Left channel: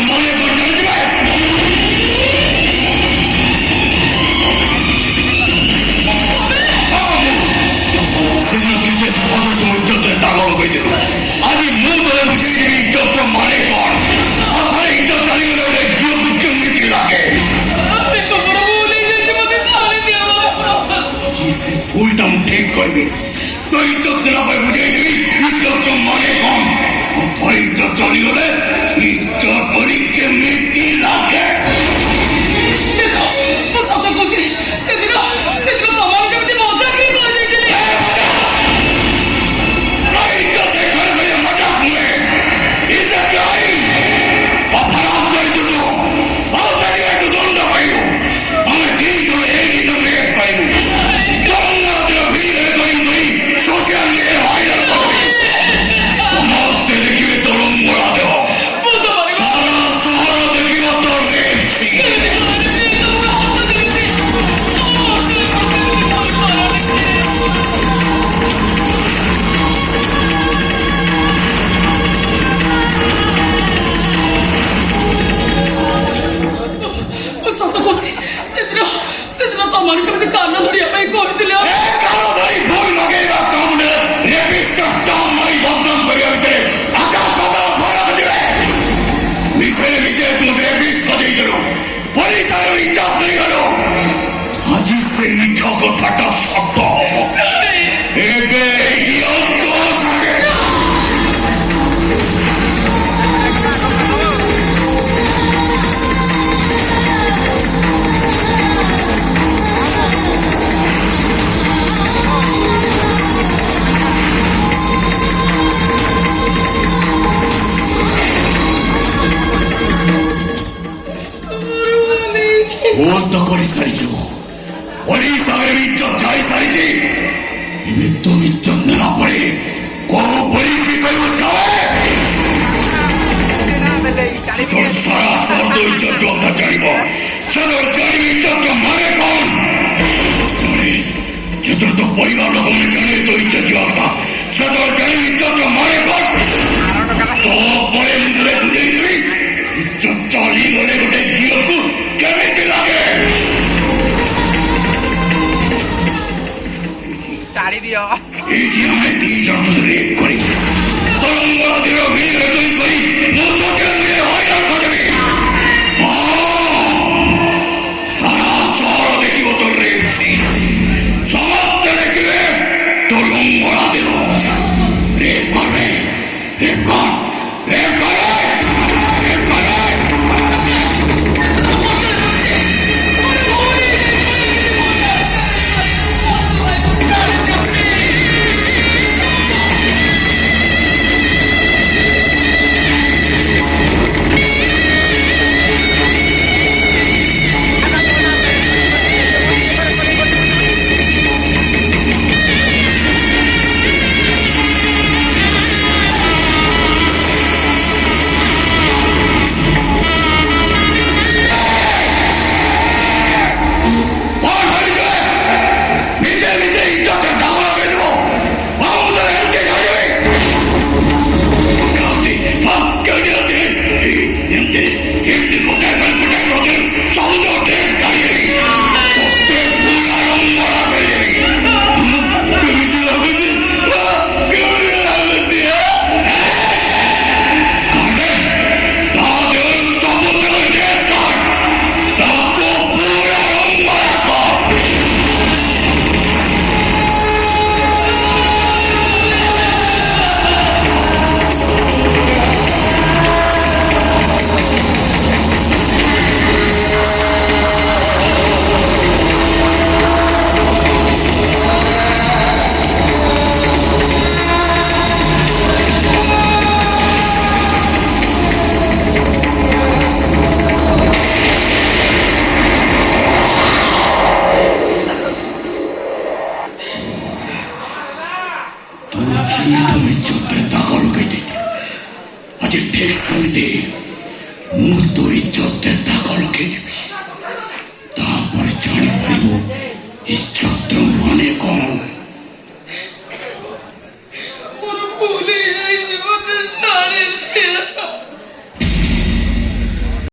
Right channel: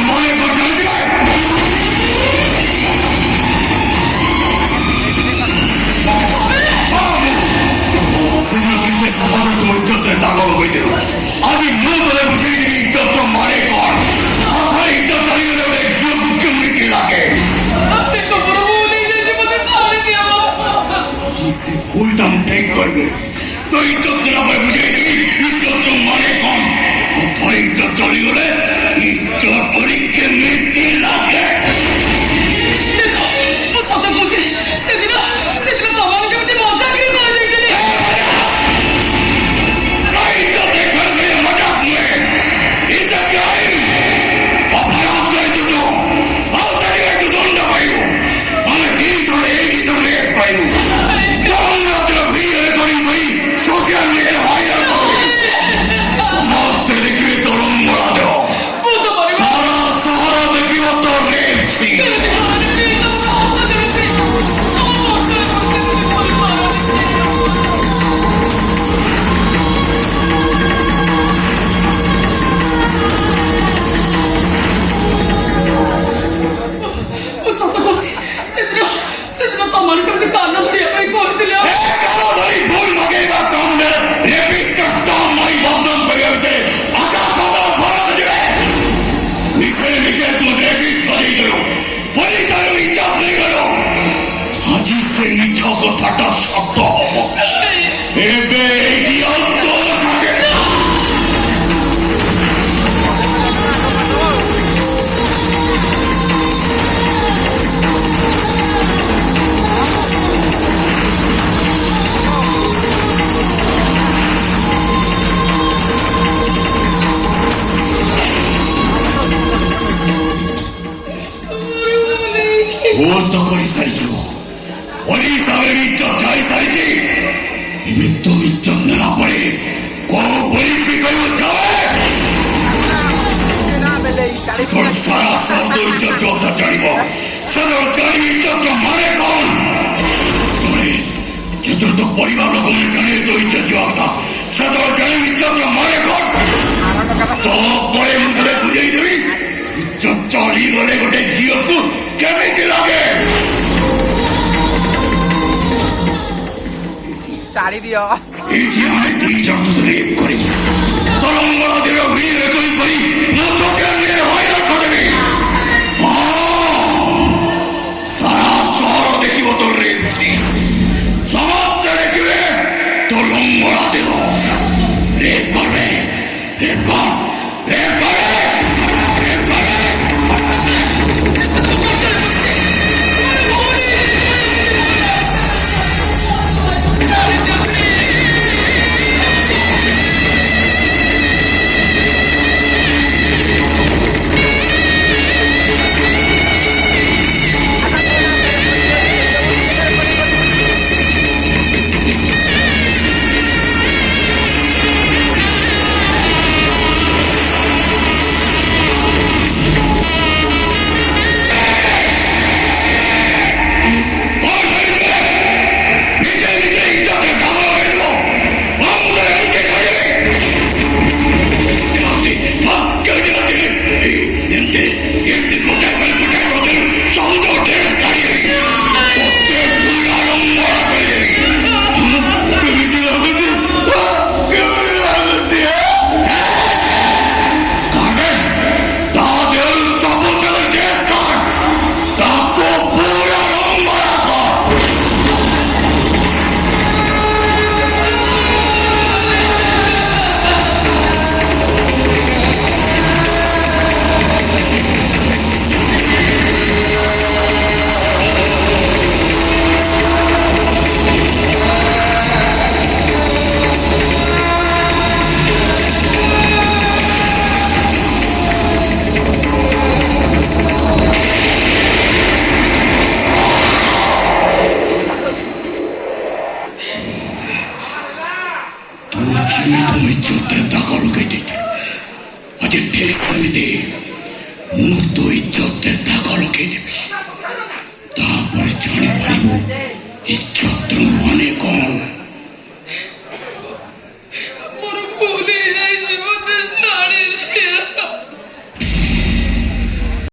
মনে টাকা হয়ে দেব আমি মূল বুঝে দিবি ইজ্জত মানে কর আমার ইজ্জত চালিয়ে জীবনকে মৃত্যু লাগে ভুলটাম ঠিক করবে তো ইজ্জত না বুঝে দিবি ইজ্জত মানে কম আমার ইজ্জত চালিয়ে গেলে ইজ্জত পরীক্ষে মৃত্যু লাগে সেদিন তোমাকে যেমন মজাকরি করে দিয়েছিলে কথাটা সত্য এবে ভুল তো করে ফেলছো ওই তাদের ইজ্জত চাই চাইছি মৃত্যু ইজ্জত না পড়ে কোন পরিস্থিতি সারা শব্দ ইজ্জত কথা চাইব সদর চাই ইজ্জত মানে কোন চতুর্থ পরিবার রকম জানে তো ইজ্জত কথা সদর চাই ইজ্জত মানে কোন তো পরে মুখে বুঝেই দেবি ইজ্জত চালিয়ে গেলে গোটে ঝিওକୁ কেমিতি লাগে ছাড়ি দিও এইটি আমি দুই জন ধরে করি তরঙ্গলা দিও ভিড় তুই করি মতো কেন্দ্রে হয়রান করবি সারা শহর দেখিব তোর রে সমস্ত দেখিবে তরঙ্গলা দেব রে করে রে কর রে করে Mutu